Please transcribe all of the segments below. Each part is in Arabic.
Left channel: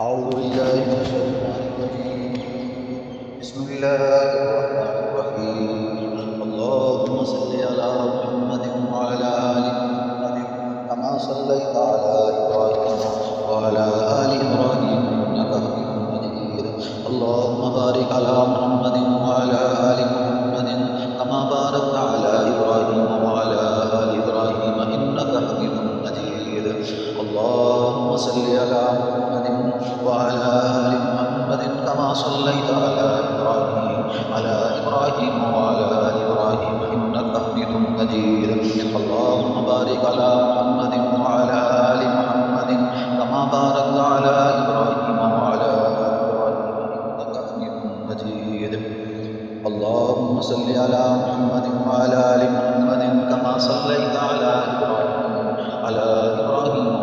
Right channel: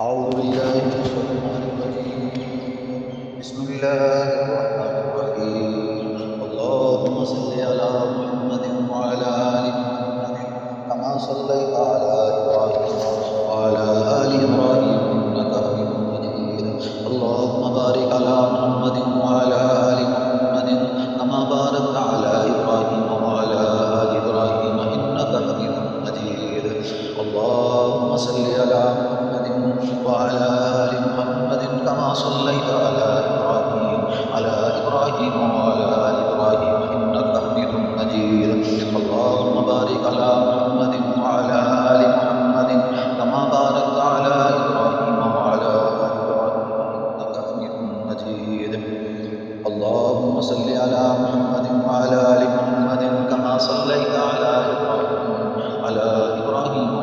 أعوذ بالله من الشيطان الرجيم. بسم الله الرحمن الرحيم. اللهم صل على محمد وعلى آل محمد كما صليت على إبراهيم وعلى آل إبراهيم إنك حميد مجيد. اللهم بارك على محمد وعلى آل محمد كما باركت على إبراهيم وعلى آل إبراهيم إنك حميد مجيد. اللهم صل على محمد وعلى آل محمد كما صليت على إبراهيم وعلى آل إبراهيم إنك حميد مجيد. اللهم بارك على محمد وعلى آل محمد كما باركت على إبراهيم وعلى آل إبراهيم إنك حميد مجيد. اللهم صل على محمد وعلى آل محمد كما صليت على إبراهيم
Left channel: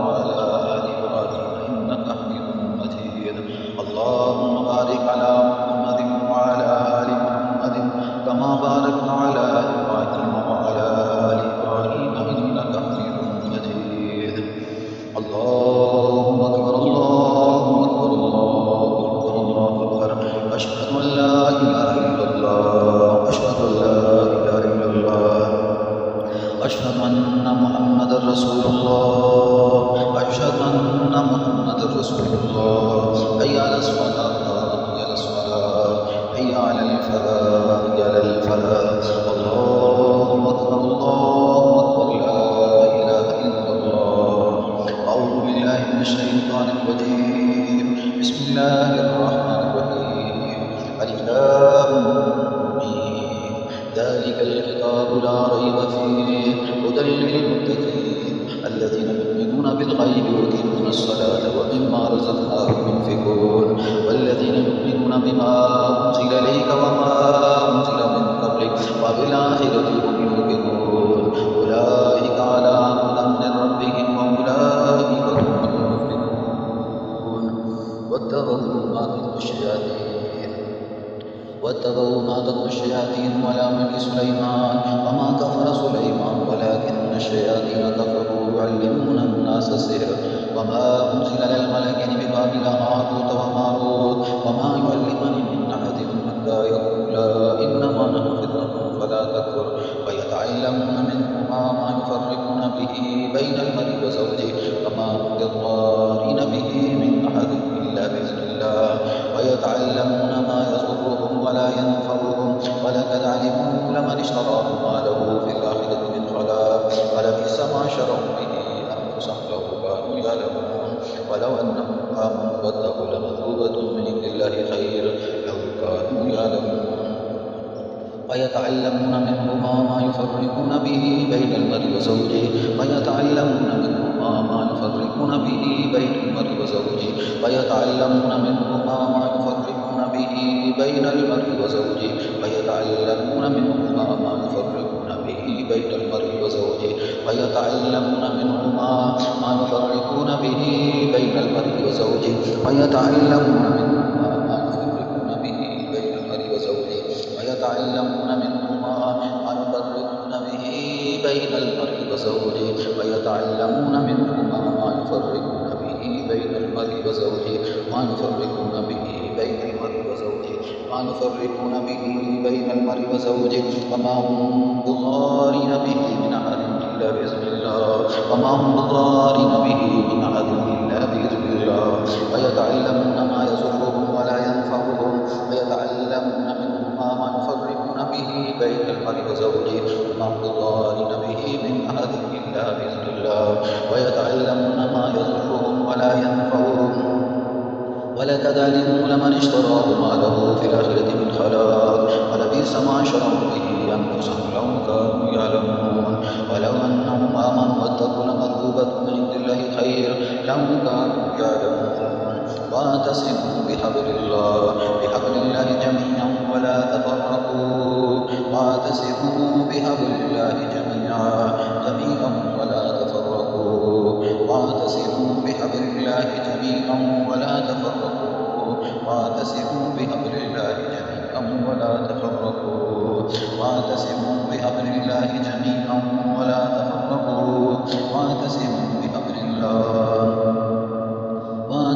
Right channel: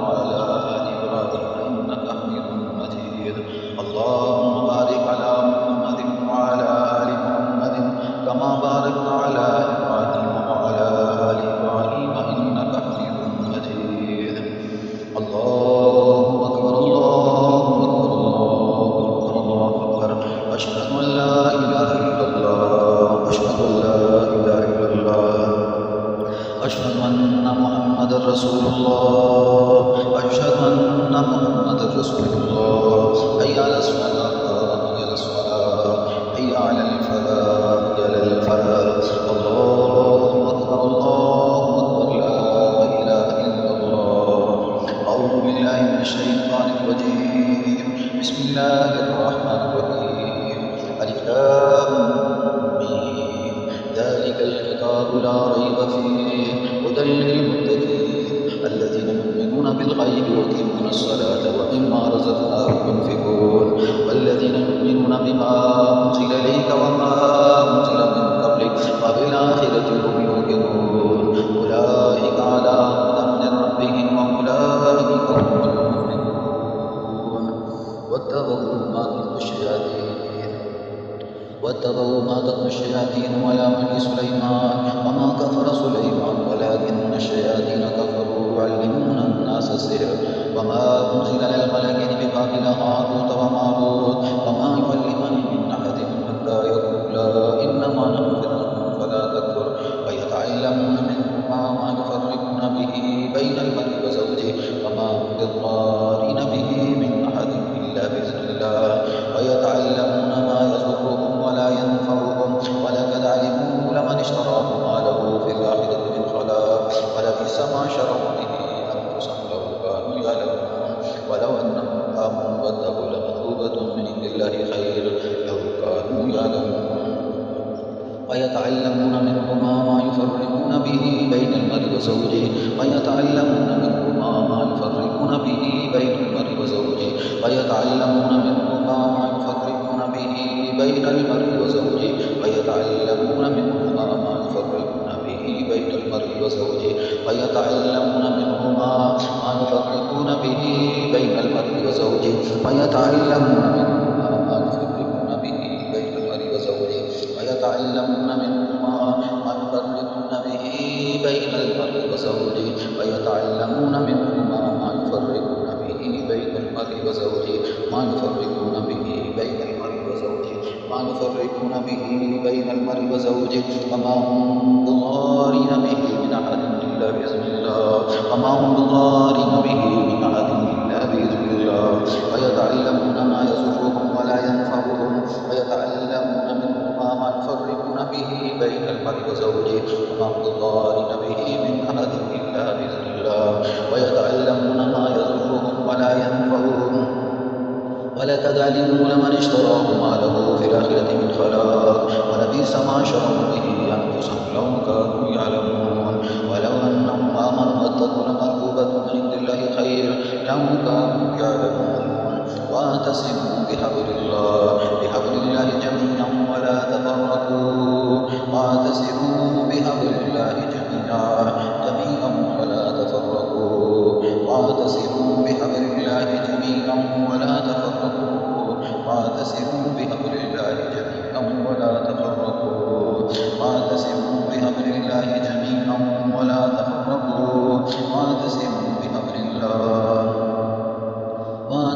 وعلى آل إبراهيم إنك حميد مجيد. اللهم بارك على محمد وعلى آل محمد كما باركت على إبراهيم وعلى آل إبراهيم إنك حميد مجيد. الله أكبر الله أكبر الله أكبر الله أكبر. أشهد أن لا إله إلا الله أشهد أن لا إله إلا الله أشهد أن محمد رسول الله أشهد أن محمد رسول الله. حي على الصلاة حي على الصلاة حي على الفلاح حي على الفلاح. الله أكبر الله أكبر لا إله إلا الله. أعوذ بالله من الشيطان الرجيم. بسم الله الرحمن الرحيم. ألف لام ميم. ذلك الكتاب لا ريب فيه هدى للمتقين الذين يؤمنون بالغيب ويقيمون الصلاة ومما رزقناهم ينفقون والذين يؤمنون بما أنزل إليك وما أنزل من قبلك وبالآخرة هم يوقنون. أولئك على هدى من ربهم وأولئك هم المفلحون. واتبعوا ما تتلو الشياطين على ملك سليمان وما كفر سليمان ولكن الشياطين كفروا يعلمون الناس السحر وما أنزل على الملكين ببابل هاروت وماروت وما يعلمان من أحد حتى يقولا إنما نحن فتنة فلا تكفر ويتعلمون منهما ما يفرقون به بين المرء وزوجه وما هم بضارين به من أحد إلا بإذن الله ويتعلمون ما يضرهم ولا ينفعهم ولقد علموا لمن اشتراه ما له في الآخرة من خلاق ولبئس ما شروا به أنفسهم لو كانوا يعلمون. ولو أنهم آمنوا واتقوا لمثوبة من عند الله خير لو كانوا يعلمون. ويتعلمون منهما ما يفرقون به بين المرء وزوجه ويتعلمون منهما ما يفرقون به بين المرء وزوجه ويتعلمون منهما ما يفرقون به بين المرء وزوجه ويتعلمون منهما ما يفرقون به بين المرء وزوجه ويتعلمون منهما ما يفرقون به بين المرء وزوجه ويتعلمون منهما ما يفرقون به بين المرء وزوجه ويتعلمون منهما ما يفرقون به بين المرء وزوجه ويتعلمون منهما ما يفرقون به بين المرء وزوجه ما يفرقون به بين المرء وزوجه ما يفرقون به بين المرء وزوجه وما هم بضارين به من أحد إلا بإذن الله وما هم بضارين به من أحد إلا بإذن الله ويتعلمون ما يضرهم ولا ينفعهم ويتعلمون منهما ما يفرقون به بين المرء وزوجه وما هم بضارين به من أحد إلا بإذن الله ويتعلمون ما يضرهم ولا ينفعهم ولقد علموا لمن اشتراه ما له في الآخرة من خلاق ولبئس ما شروا به أنفسهم لو كانوا يعلمون. ولو أنهم آمنوا واتقوا لمثوبة من عند الله خير لو كانوا يعلمون. واعتصموا بحبل الله جميعا ولا تفرقوا واعتصموا بحبل الله جميعا ولا تفرقوا واعتصموا بحبل الله جميعا ولا تفرقوا واعتصموا بحبل الله جميعا ولا تفرقوا واعتصموا بحبل الله جميعا ولا تفرقوا واعتصموا بحبل الله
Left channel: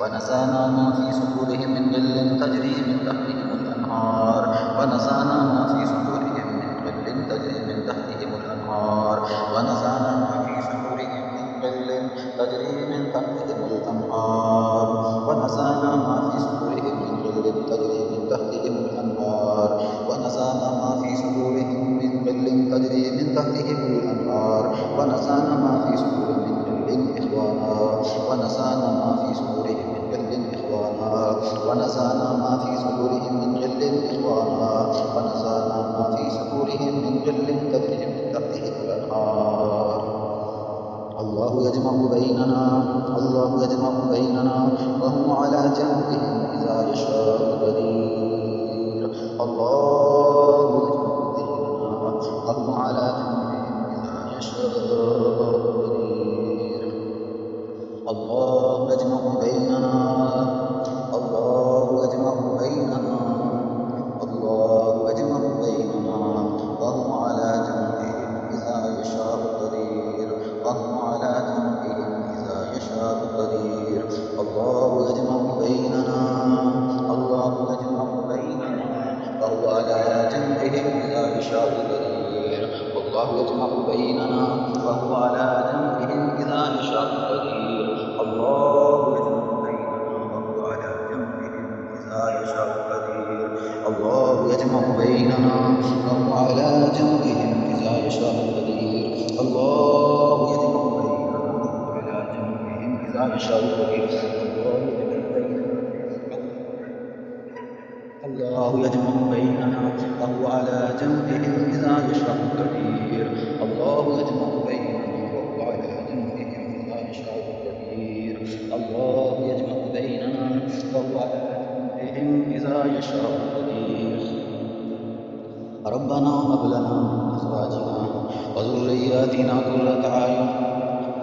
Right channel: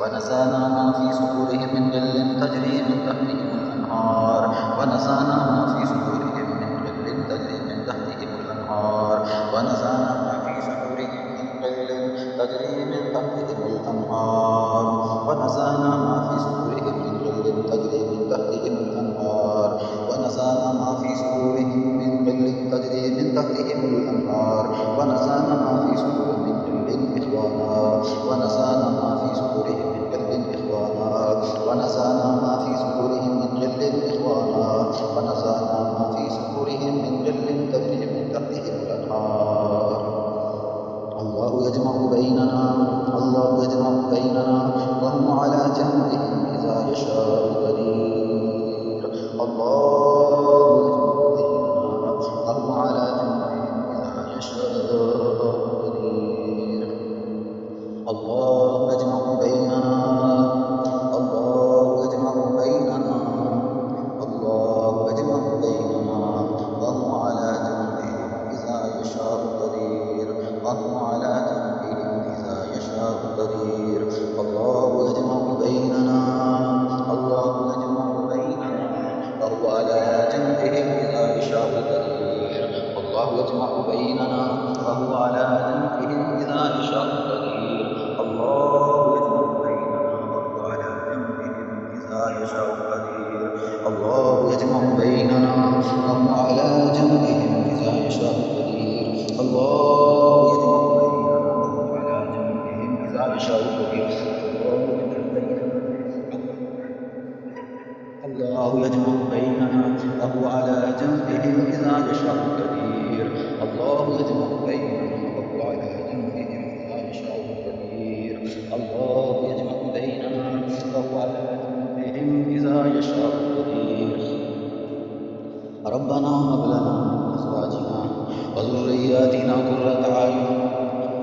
ونزعنا ما في صدورهم من غل تجري من تحتهم الأنهار ونزعنا ما في صدورهم من غل تجري من تحتهم الأنهار ونزعنا ما في صدورهم من غل تجري من تحتهم الأنهار ونزعنا ما في صدورهم من غل تجري من تحتهم الأنهار ونزعنا ما في صدورهم من غل تجري من تحتهم الأنهار ونزعنا ما في صدورهم من غل إخوانا ونزعنا ما في صدورهم من غل إخوانا ونزعنا ما في صدورهم من غل إخوانا ونزعنا ما في صدورهم من غل تجري من تحتهم الأنهار الله يجمع بيننا وهو على جمعهم إذا يشاء قدير الله يجمع بيننا وهو على جمعهم إذا يشاء قدير الله يجمع بيننا الله يجمع بيننا وهو على جمعهم إذا يشاء قدير وهو على جمعهم إذا يشاء قدير الله يجمع بيننا وهو على جمعهم إذا يشاء قدير الله يجمع بيننا وهو على جمعهم إذا يشاء قدير الله يجمع بيننا وهو على جمعهم إذا يشاء قدير الله يجمع بيننا وهو على جمعهم إذا يشاء قدير الله يجمع بيننا وهو على جمعهم إذا يشاء قدير الله يجمع بيننا وهو على جمعهم إذا يشاء قدير الله يجمع بيننا وهو على جمعهم إذا يشاء قدير الله يجمع بيننا وهو على جمعهم إذا يشاء قدير ربنا هب لنا من أزواجنا وذرياتنا قرة أعين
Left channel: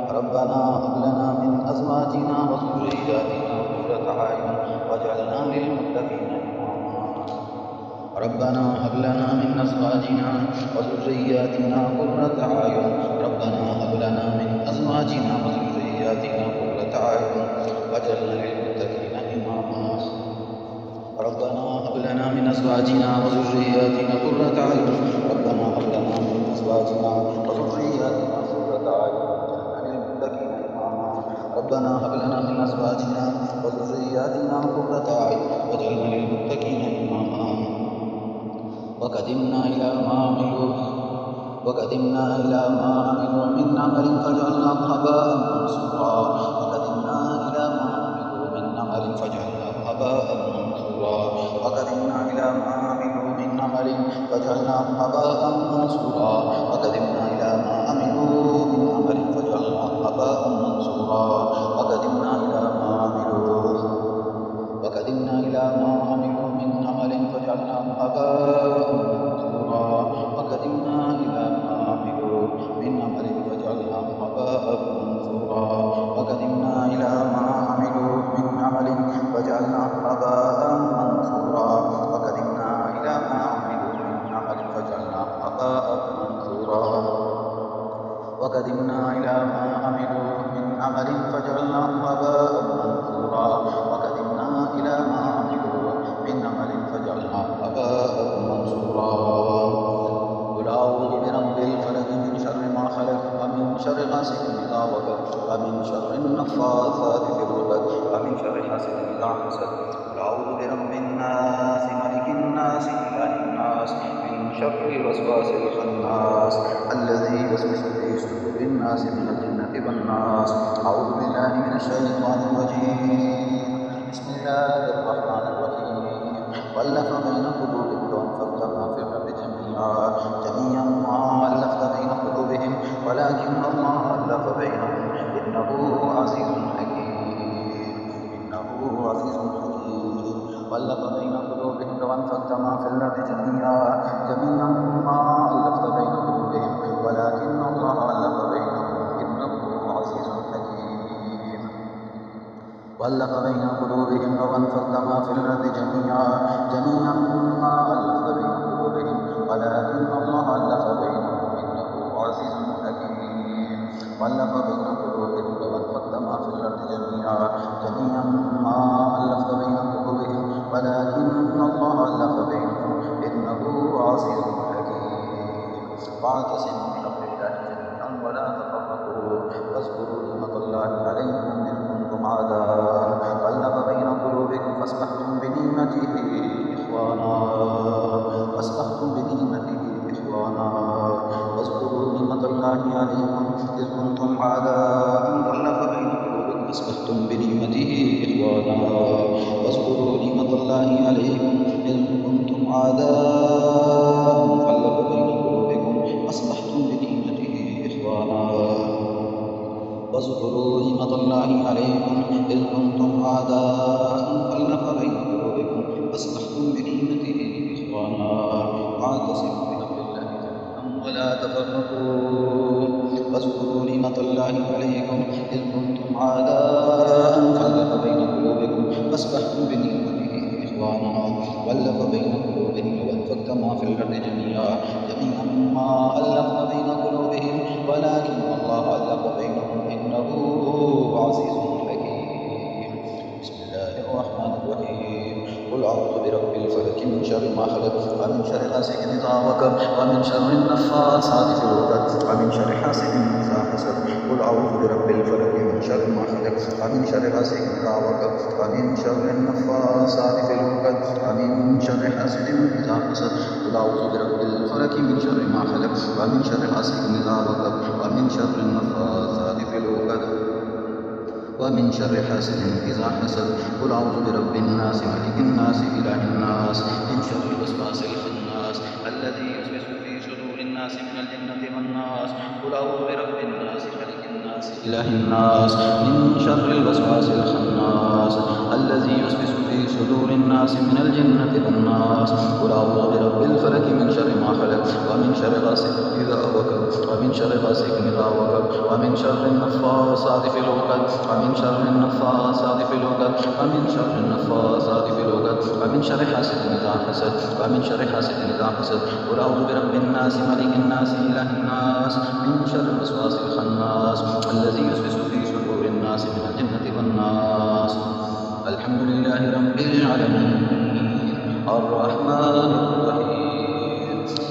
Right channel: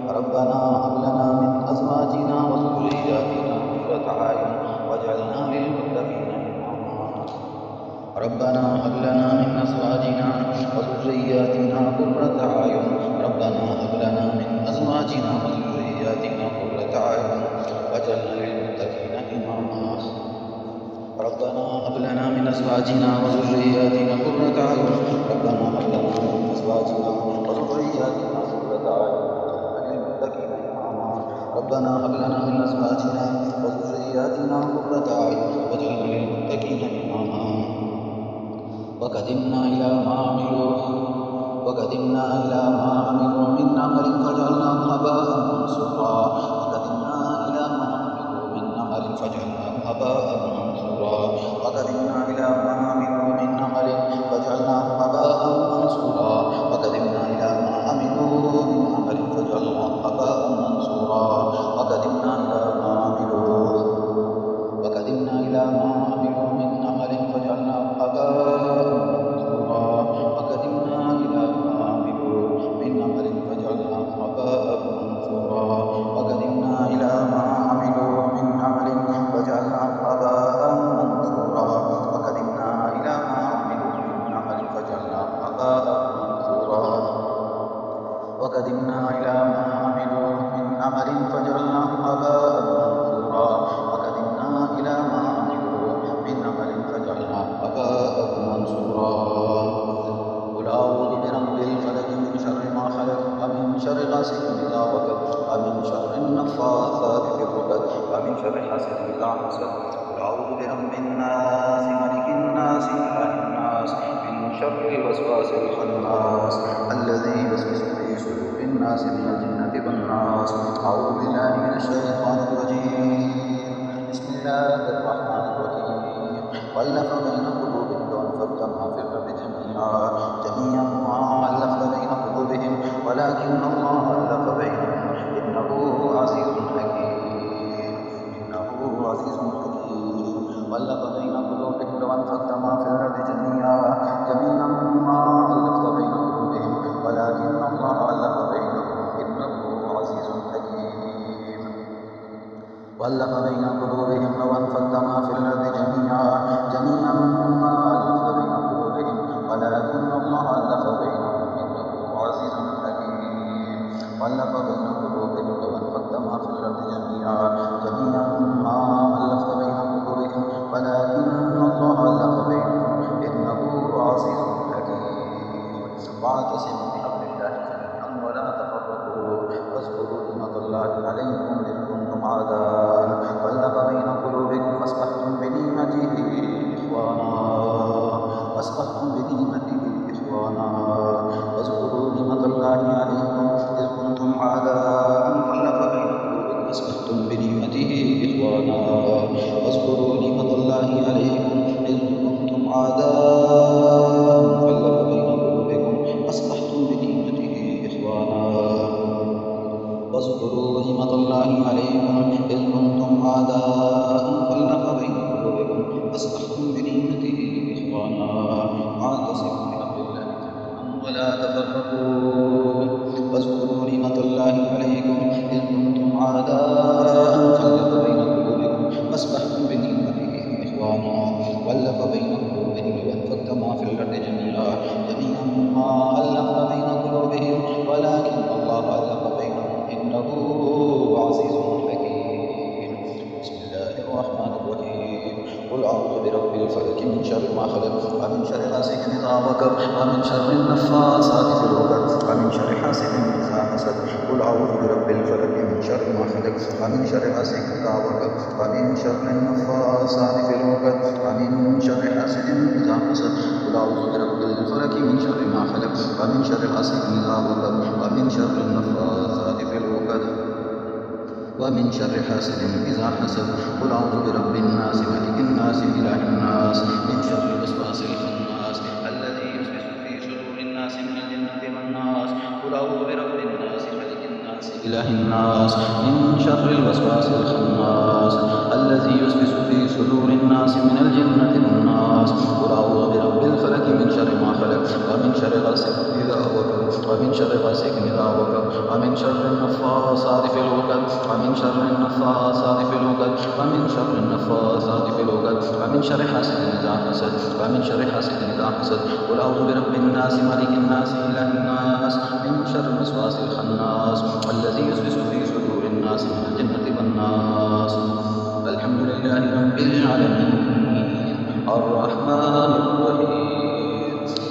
ربنا هب لنا من أزواجنا وذرياتنا قرة أعين واجعلنا للمتقين إماما ربنا هب لنا من أزواجنا وذرياتنا قرة أعين ربنا هب لنا من أزواجنا وذرياتنا قرة أعين واجعلنا للمتقين إماما ربنا هب لنا من أزواجنا وذرياتنا قرة أعين ربنا هب لنا من أزواجنا وذرياتنا قرة أعين للمتقين إماما ربنا هب لنا من أزواجنا وذرياتنا قرة أعين واجعلنا للمتقين إماما وقدمنا إلى ما عملوا من عمل فجعلناه هباء منثورا وقدمنا إلى ما عملوا من عمل فجعلناه هباء منثورا وقدمنا إلى ما عملوا من عمل فجعلناه هباء منثورا وقدمنا إلى ما عملوا من عمل فجعلناه هباء منثورا وقدمنا إلى ما عملوا من عمل فجعلناه هباء منثورا وقدمنا إلى ما عملوا من عمل فجعلناه هباء منثورا وقدمنا إلى ما عملوا من عمل فجعلناه هباء منثورا وقدمنا إلى ما عملوا من عمل فجعلناه هباء منثورا وقدمنا إلى ما عملوا من عمل فجعلناه هباء منثورا وقدمنا إلى ما عملوا من عمل فجعلناه هباء منثورا قل أعوذ برب الفلق من شر ما خلق ومن شر غاسق إذا وقب ومن شر النفاثات في العقد ومن شر حاسد إذا حسد قل أعوذ برب الناس ملك الناس إله الناس من شر الوسواس الخناس الذي يوسوس في صدور الناس من الجنة والناس أعوذ بالله من الشيطان الرجيم بسم الله الرحمن الرحيم وألف بين قلوبهم لو أنفقت ما في الأرض جميعا ما ألفت بين قلوبهم ولكن الله ألف بينهم إنه عزيز حكيم وألف بين قلوبهم لو أنفقت ما في الأرض جميعا ما ألفت بين قلوبهم ولكن الله ألف بينهم إنه عزيز حكيم وألف بين قلوبهم لو أنفقت ما في الأرض جميعا ما ألفت بين قلوبهم ولكن الله ألف بينهم إنه عزيز حكيم وألف بين قلوبهم لو أنفقت ما في الأرض جميعا ما ألفت بين قلوبهم ولكن الله ألف بينهم إنه عزيز حكيم. واعتصموا بحبل الله جميعا ولا تفرقوا واذكروا نعمة الله عليكم إذ كنتم أعداء فألف بين قلوبكم فأصبحتم بنعمته إخوانا واذكروا نعمة الله عليكم إذ كنتم أعداء فألف بين قلوبكم فأصبحتم بنعمته إخوانا واذكروا نعمة الله عليكم إذ كنتم أعداء فألف بين قلوبكم فأصبحتم بنعمته إخوانا واذكروا نعمة الله عليكم إذ كنتم أعداء فألف بين قلوبكم فأصبحتم بنعمته إخوانا واعتصموا بحبل الله جميعا ولا تفرقوا واذكروا نعمة الله عليكم إذ كنتم أعداء فألف بين قلوبكم فأصبحتم بنعمته إخوانا وألف بين قلوبهم لو أنفقت ما في الأرض جميعا ما ألفت بين قلوبهم ولكن الله ألف بينهم إنه عزيز حكيم. بسم الله الرحمن الرحيم. قل أعوذ برب الفلك من شر ما خلق ومن شر غاسق إذا وقب ومن شر النفاثات في العقد ومن شر حاسد إذا حسد. قل أعوذ برب الفلك من شر ما خلق ومن شر غاسق إذا وقب ومن شر النفاثات في العقد ومن شر حاسد إذا حسد. قل أعوذ برب الفلك من شر ما خلق ومن شر غاسق إذا وقب ومن شر النفاثات في العقد ومن شر حاسد إذا حسد. قل أعوذ برب الناس ملك الناس إله الناس من شر الوسواس الخناس الذي يوسوس في صدور الناس من الجنة والناس. قل أعوذ برب الناس ملك الناس إله الناس من شر الوسواس الخناس الذي يوسوس في صدور الناس من الجنة والناس. قل أعوذ برب الفلك من شر ما خلق ومن شر غاسق إذا وقب ومن شر غاسق إذا وقب ومن شر النفاثات في العقد ومن شر النفاثات في العقد ومن شر النفاثات في العقد ومن شر حاسد إذا حسد ومن شر حاسد إذا حسد. قل أعوذ برب الناس ملك الناس إله الناس من شر الوسواس الخناس الذي يوسوس في صدور الناس من الجنة والناس. الحمد لله رب العالمين الرحمن الرحيم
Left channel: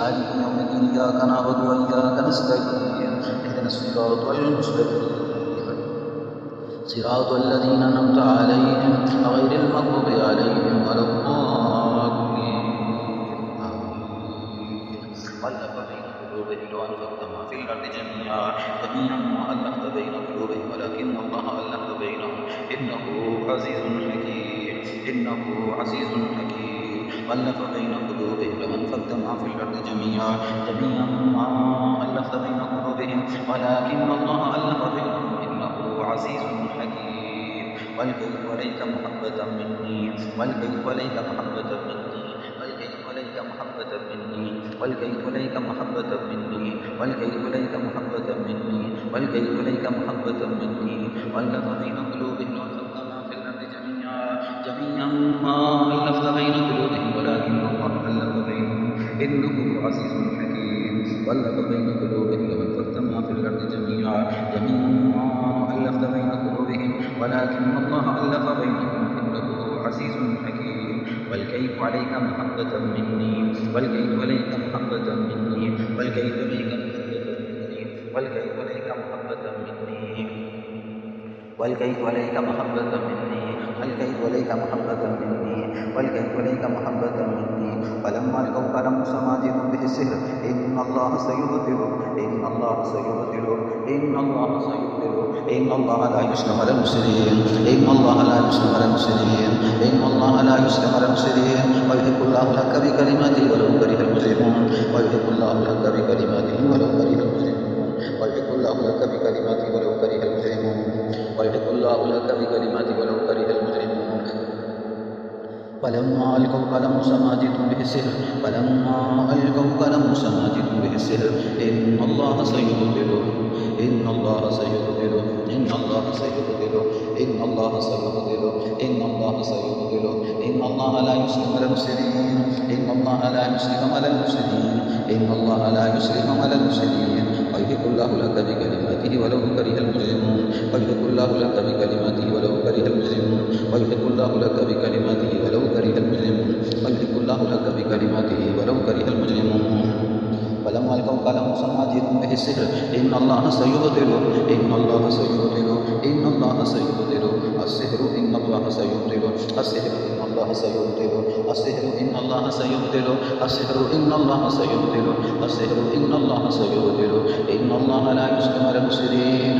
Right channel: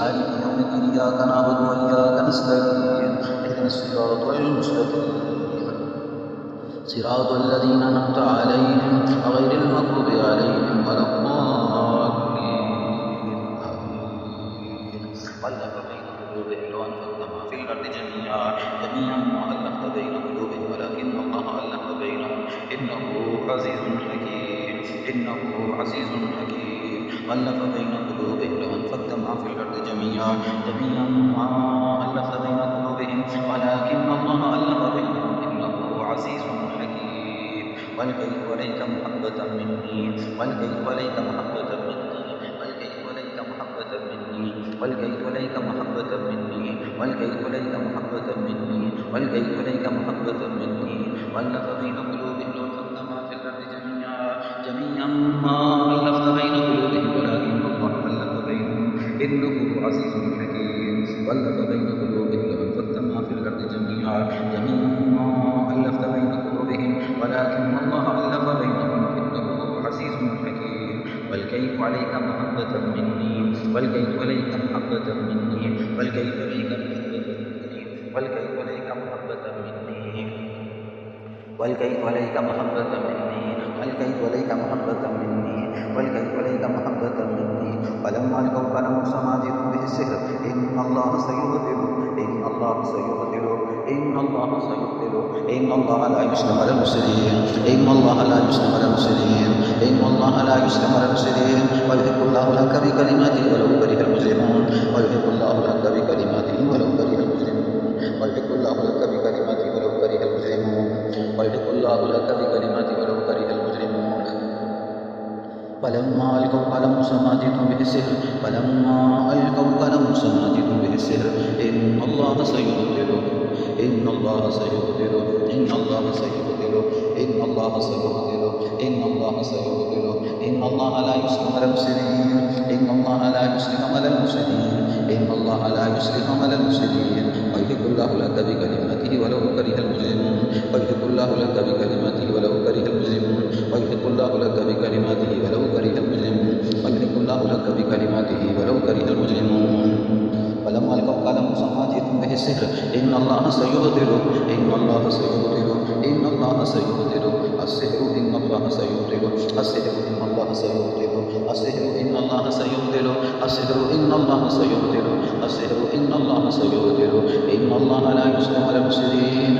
مالك يوم الدين إياك نعبد وإياك نستعين اهدنا الصراط المستقيم صراط الذين أنعمت عليهم غير المغضوب عليهم ولا الضالين آمين. وألف بين قلوبهم لو أنفقت ما في الأرض جميعا ما ألفت بين قلوبهم ولكن الله ألف بينهم إنه عزيز حكيم. وألف بين قلوبهم لو أنفقت ما في الأرض جميعا ما ألفت بين قلوبهم ولكن الله ألف بينهم إنه عزيز حكيم. والكيف وليك محبة مني والكيف وليك محبة مني والكيف وليك محبة مني والكيف وليك محبة مني والكيف وليك محبة مني والكيف وليك محبة مني. وألف بين قلوبهم لو أنفقت ما في الأرض جميعا ما ألفت بين قلوبهم ولكن الله ألف بينهم إنه عزيز حكيم. وألف بين قلوبهم لو أنفقت ما في الأرض جميعا ما ألفت بين قلوبهم ولكن الله ألف بينهم إنه عزيز حكيم. والكيف عليك محبة مني والكيف عليك محبة مني والكيف عليك محبة مني والكيف عليك محبة مني والكيف عليك محبة مني والكيف عليك محبة مني والكيف عليك محبة مني. ولما ألقوا قال موسى ما جئتم به السحر إن الله سيبطله إن الله سيبطله إن الله سيبطله إن الله لا يسلم على المفسدين إن الله لا يسلم على المفسدين إن الله لا يسلم على المفسدين. ويحب الله الحق بكلماته ولو كره المجرمون ويحب الله الحق بكلماته ولو كره المجرمون ويحب الله لك بكلماته ولو كره المجرمون ويحب الله لك بكلماته ولو كره المجرمون. فلما ألقوا قال موسى ما جئتم به السحر فلما ألقوا قال موسى ما جئتم به السحر إن الله سيبطله إن الله سيبطله إن الله سيبطله إن الله سيبطله إن الله سيبطله إن الله لا يسلم على المفسدين إن الله لا يسلم على المفسدين إن الله لا يسلم على المفسدين. ويحق الله لك بكلماته ولو كره المجرمون ويحق الله لك بكلماته ولو كره المجرمون ويحق الله لك بكلماته ولو كره المجرمون ويحق الله لك بكلماته ولو كره المجرمون فلما ألقوا قال موسى ما جئتم به السحر إن الله سيبطله إن الله سيبطله إن الله سيبطله السحر إن الله سيبطله السحر إن الله سيبطله السحر إن الله سيبطله السحر إن الله سيبطله السحر إن الله سيبطله إن الله لا يسلم على المفسدين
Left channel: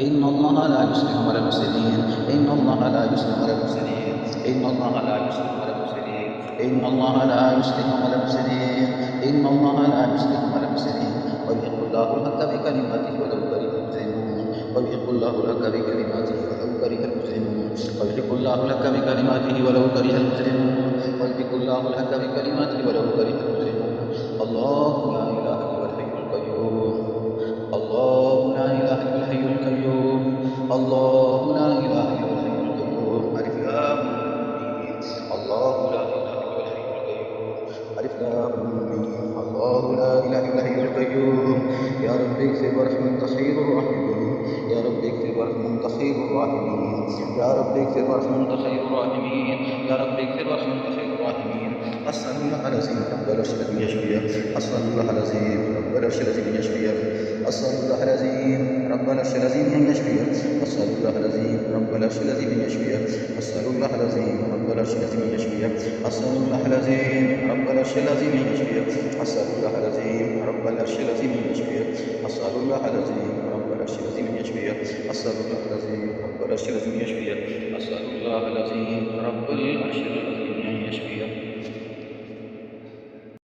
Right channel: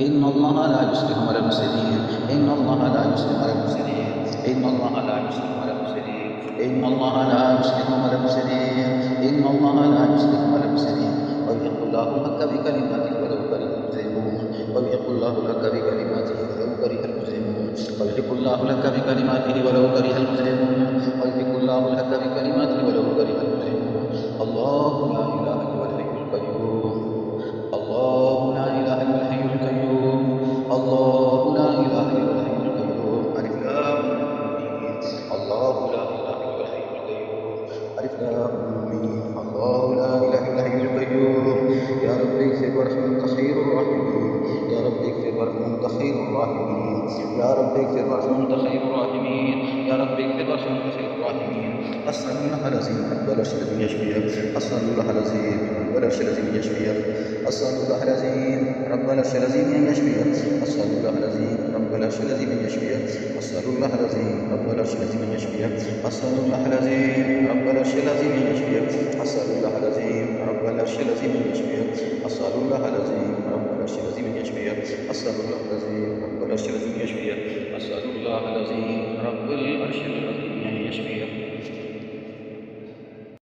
إن الله لا يسلم على المفسدين إن الله لا يسلم على المفسدين إن الله لا يسلم على المفسدين إن الله لا يسلم على المفسدين إن الله لا يسلم على المفسدين ويحق الله الحق بكلماته ولو كره المجرمون ويحق الله الحق بكلماته ولو كره المجرمون ويحق الله الحق بكلماته ولو كره المجرمون ويحق الله الحق بكلماته ولو كره المجرمون الله لا إله إلا الحي القيوم الله لا إله إلا الحي القيوم الله لا إله إلا الحي القيوم ألف لام ميم الله لا إله إلا الحي القيوم ألف لام ميم الله لا إله إلا الحي القيوم يا رب اغفر وارحم أنت خير الراحمين يا رب اغفر وارحم أنت خير الراحمين يا رب اغفر وارحم أنت خير الراحمين يا رب اغفر وارحم أنت خير الراحمين أسأل الله العظيم رب العرش الذي يشفيك أسأل الله العظيم رب العرش الذي يشفيك أسأل الله العظيم رب العرش العظيم أن يشفيك أسأل الله العظيم رب العرش العظيم أن يشفيك أسأل الله العظيم رب العرش العظيم أن يشفيك أسأل الله العظيم رب العرش العظيم أن يشفيك أسأل الله العظيم رب العرش العظيم أن يشفيك أسأل الله العظيم رب العرش العظيم أن يشفيك أسأل الله العظيم رب العرش العظيم أن يشفيك أسأل الله العظيم رب العرش العظيم أن يشفيك